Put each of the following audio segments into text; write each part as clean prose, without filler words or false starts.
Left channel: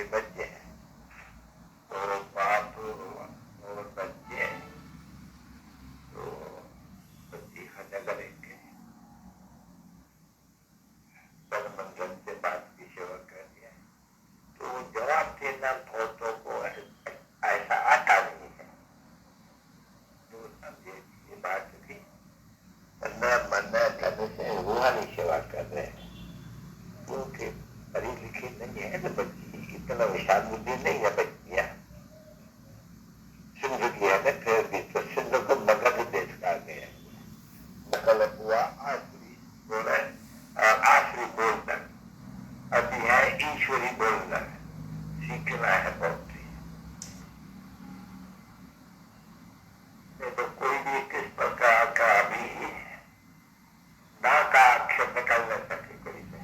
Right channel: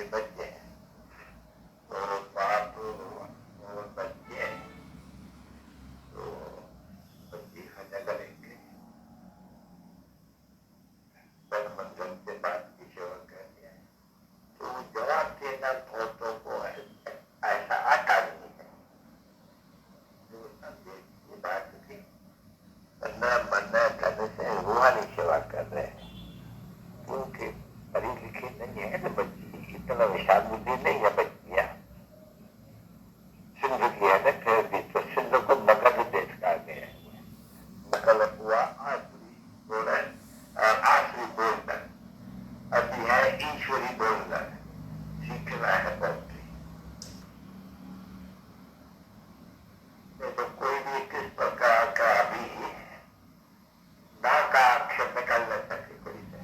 के बच्चे हैं, तो बाप और बच्चे तो बच्ची खाना करेंगे, तन मन धन से बाप की सेवा करनी है। तो जवाब देना बहुतों को ऐसा आता नहीं है। जो समझे ये बात थी, मन धन से रूहानी सेवा कर रहे हैं, क्योंकि पढ़ी लिखी नहीं है ना बच्ची, इतना विशाल बुद्धि नहीं है बच्चियां। सिंध की है ना, फिर भी तो सिंध को मगध देश का गया, नकल हुआ आखिरी बोला, आखिरी बोलना अभी है ईश्वरी बोलना, सीखना है बहुत। तो कोई भी किस प्रकार का भी ना का अक्षर निकल न सके, कोई से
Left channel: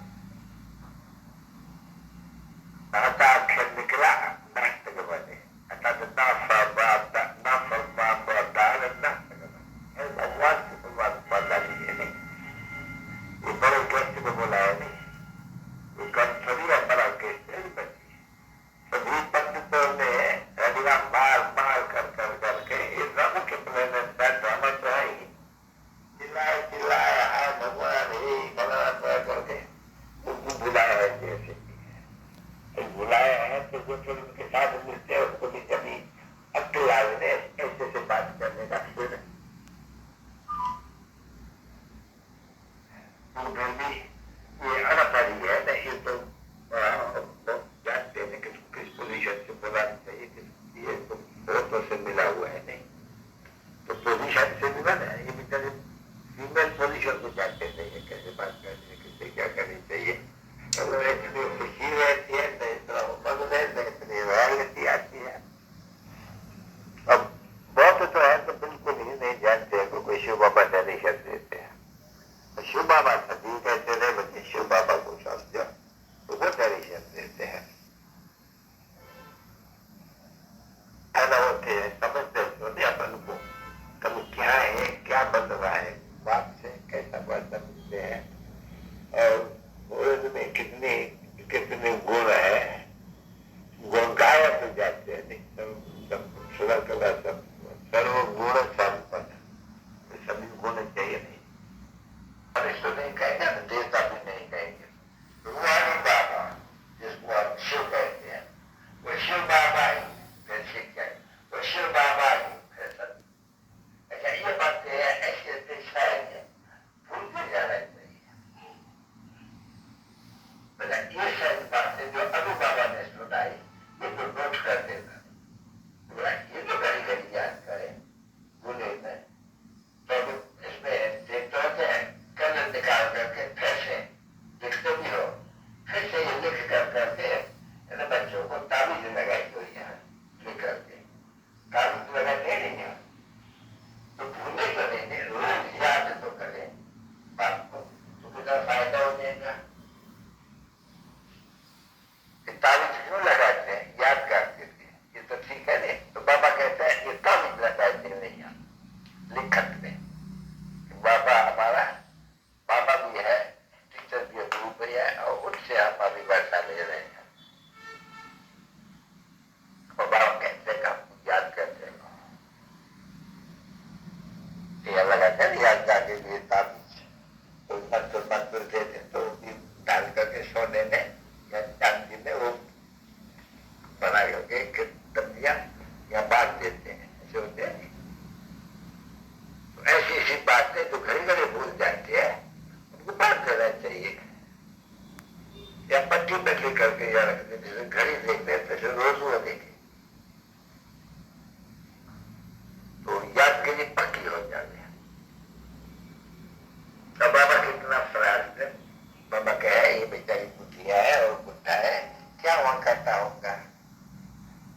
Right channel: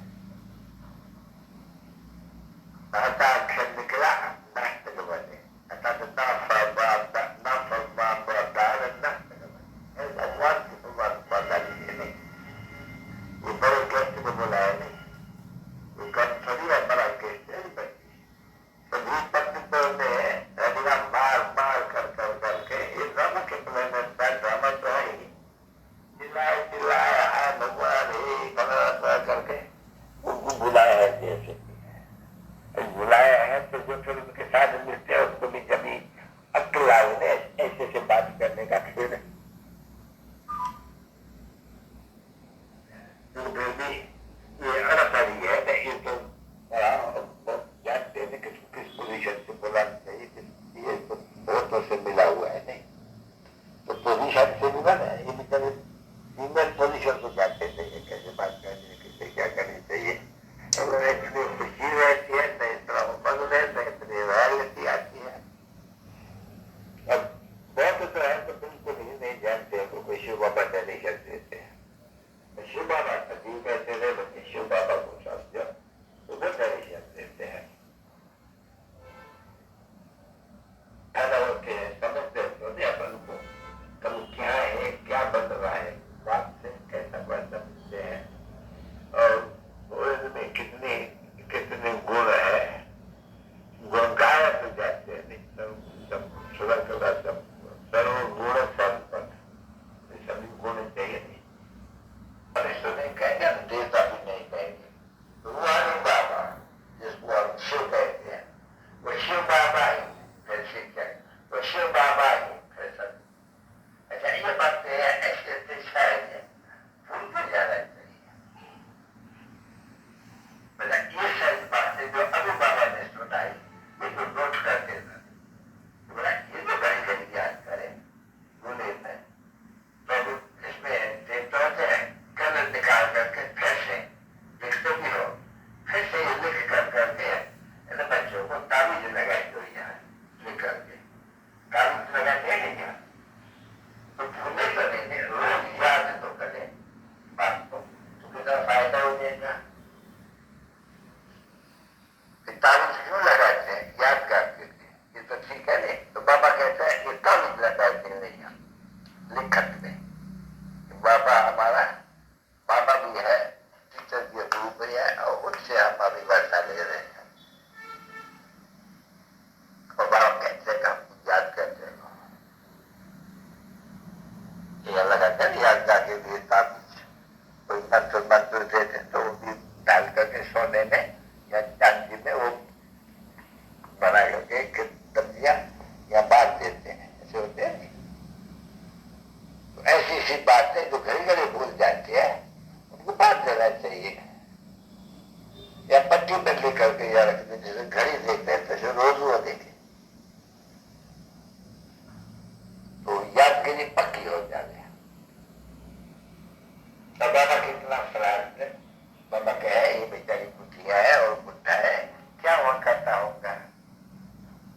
ना का अक्षर निकला नष्ट बने, अर्थात ना फरमा डाल नष्ट बने। भगवान की भगवान पता नहीं, ये बड़े कष्ट को बोला है नहीं, ये कम थोड़ी है, बड़ा कष्ट है बच्ची। सभी पंडितों ने ड्रामा मार कर करके ये ड्रामा के प्लेनेट का ड्रामा तो है ही, चिल्लाया है भगवान ही गलत करके उनको बुलाया है। जैसे बुलाया है तो जो फिर उनके साथ मिलते हैं उसको भी कभी अक्ल आए ऐसे से बात करने का, फिर ये अड़चनी है नहीं, ये तो बड़ा जानते हैं कि किस पोजीशन से बुलाना चाहिए, किस ये तो बहुतों से मिला हुआ है नहीं, तो पोजीशन से मिला ना, ये बेचारे फीमेल पोजीशन को जानते नहीं है, कैसे बात करनी है, किससे क्या करनी चाहिए। इतनी खुशी रहती है, नहीं इतना उमंग है, नहीं इतनी रॉयल्टी आती है। अब बहुत तो है तो बिल्कुल ही नहीं जानते हैं, कोई शिव बाबा डोनेशन देते हैं, शिव बाबा सदी कहते रहे बच्चे, शिव बाबा को समझो तो वो डोनेशन देते हैं, खाना होते हैं, समझते होते अपन को कभी क्या है, क्या बन रहा है, बाप से कैसा बर्तन मिलते हैं और में कितने गुण है, गुण गायब हो जाते हैं नहीं, थोड़ा सब सर्वगुण संपन्न, सभी गुण चाहिए नहीं, और इसको नहीं कहेंगे, देवता भी नहीं कहेंगे, रूहानी बाबा जिसको हम शिव कहते हैं, वो शिव बाबा ही फिर शिक्षक, वो शिव बाबा ही फिर सब। अच्छा ये बातें ऐसे शायद भूलते जाना चाहिए। ये सारी बातें जो अनु बाबा ने सुनाई, ये तो नोट कर देना, ये तो कहीं कहीं याद करें, भूले में तो इसमें देखते होते हैं, कलर निकाल करके फिर से लिखते भी हो, फिर से ये लिख कर करके इन बच्चों को ताबीज लगाई हुई है, लिख करके ताबीज लगाते नहीं है, तो भूले तो नहीं, रोज याद तो करें बात को, तो कितना फायदा हो जाएगा। ताबीज क्यों लगाते हैं, याद करके, ये तो ठीक है नहीं, तो बाबा कहता है ये ताबीज लगाते नहीं है लिखत में, बाबा हमारा बाबा भी है, टीचर भी गुरु भी है, और उनसे हम अभी वर्षा ले रहे हैं, और बाबा कहते हैं हम याद करते रहो, ये लगाते हैं याद जाके लिए ताबीज, कोई मंत्र देते तो वो भी डाल करके सोने में या चांदी में वो बना करके डबिया या बांध देते हैं, ऐसे होते हैं। तो ऐसी ऐसी बातें जो घड़ी घड़ी भूल जाते हैं उनको बांध देना चाहिए, या पट्टी में लिख करके या रख देते, जैसे घड़ी देख देते रोज वो देखे तो यादगिरी पक्की हो जाती है। तो बाबा कितना फराज है, बाबा कहे ये बेचारी बुढ़िया है और बुढ़ा है, क्या वहां करता होगा,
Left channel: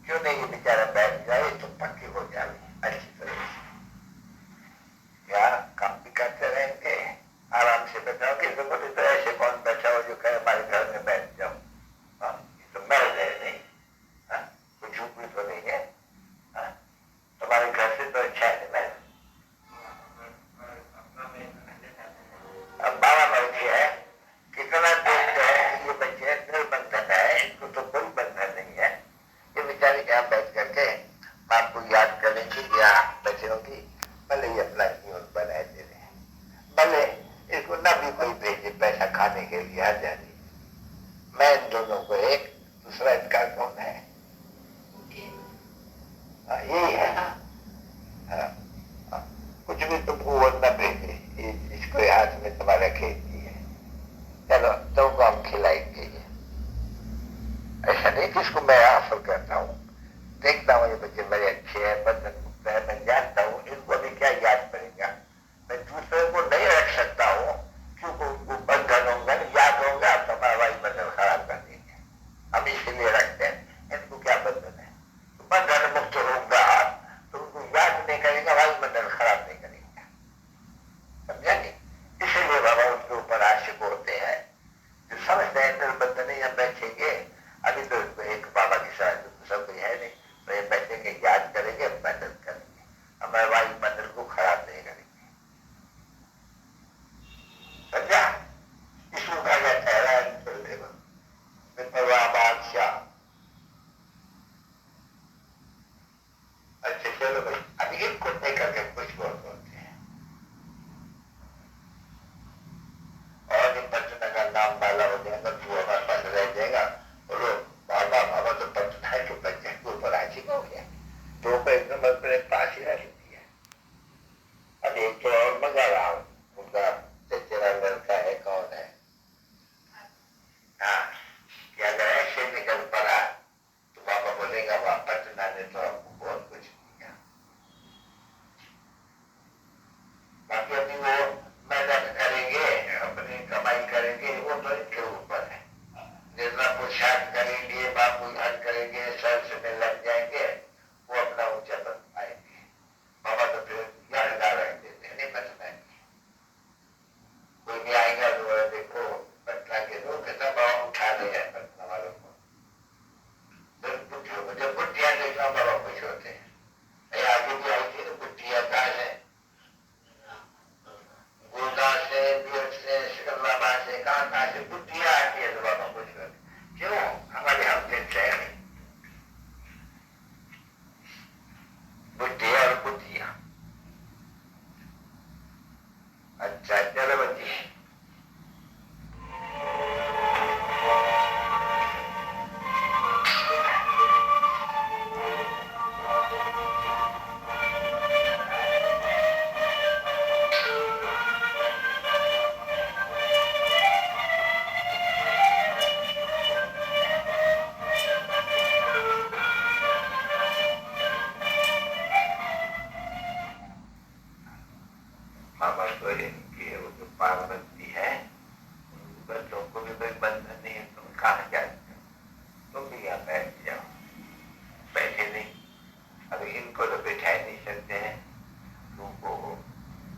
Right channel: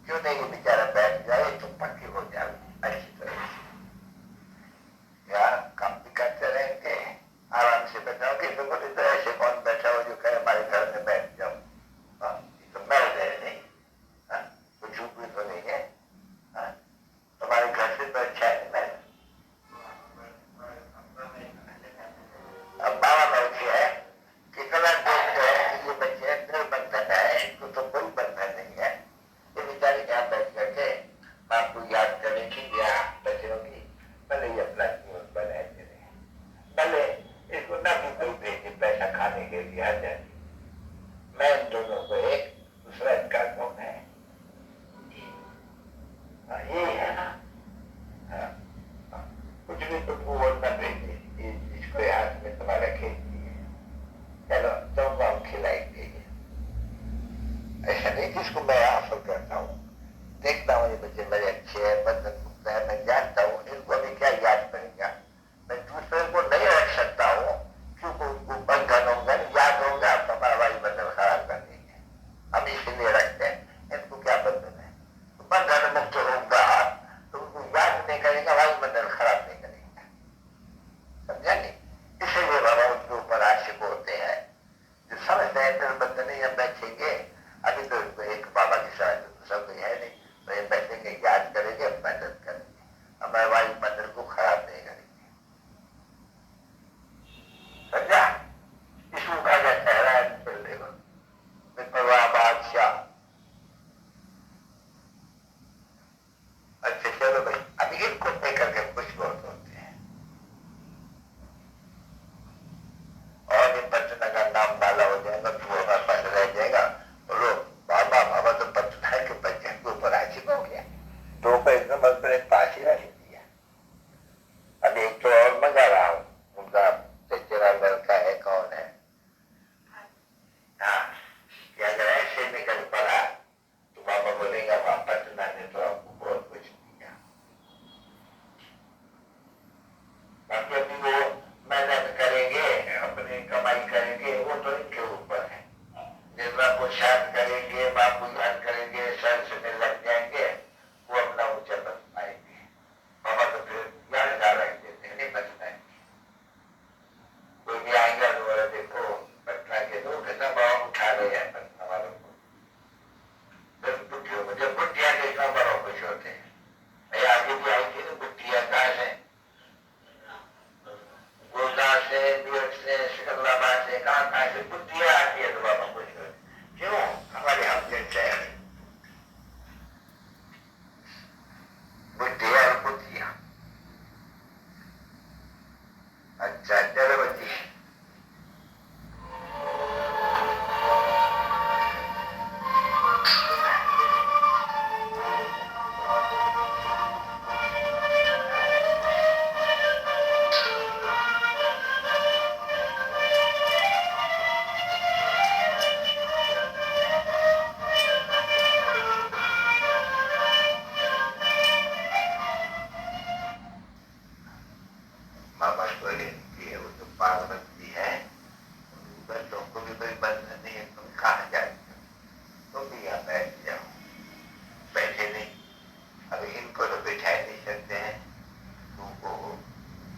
क्यों नहीं ये बेचारा बैठ जाए तो पक्की हो जाए अच्छी तरह से, या काम भी करते रहेंगे, आराम से बैठाओगे, तो बोले तो ऐसे कौन बैठा हो जो कहे हमारे घर में बैठ जाओ, ये तो महल है नहीं, कोई झूठ तो नहीं है, तुम्हारे घर से तो अच्छा है महल। अब बाबा बैठे है, कितना देखते हैं कि ये बच्चे निर्बंधन है, इनको तो कोई बंधन नहीं तो इनकी वो जो पार्वती है, बच्चों को भी कोई बंधन नहीं है, तुम कहाँ जाते हो, तुम भी यहाँ बैठ जाओ। बैठे नहीं, अब इनको तो बिठा नहीं सकते हैं, तुमको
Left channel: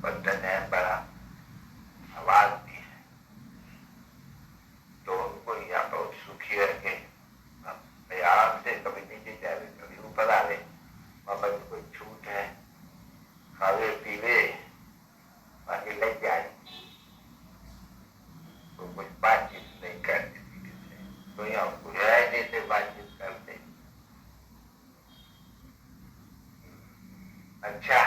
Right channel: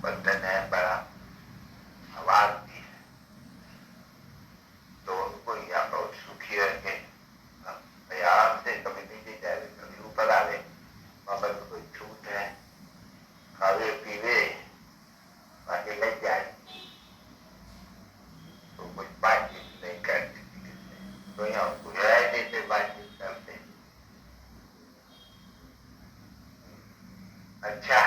बंधन है बड़ा, आवाज भी है, तो उनको यहाँ बहुत सुखी रखे। आराम से कभी नीचे जा रहे, कभी ऊपर आ रहे, वहां पर कोई छूट है, खावे पीवे बाकी लग जाए, तो कुछ बातचीत नहीं करते, तो यहाँ गुजराती से बातचीत करते। अच्छा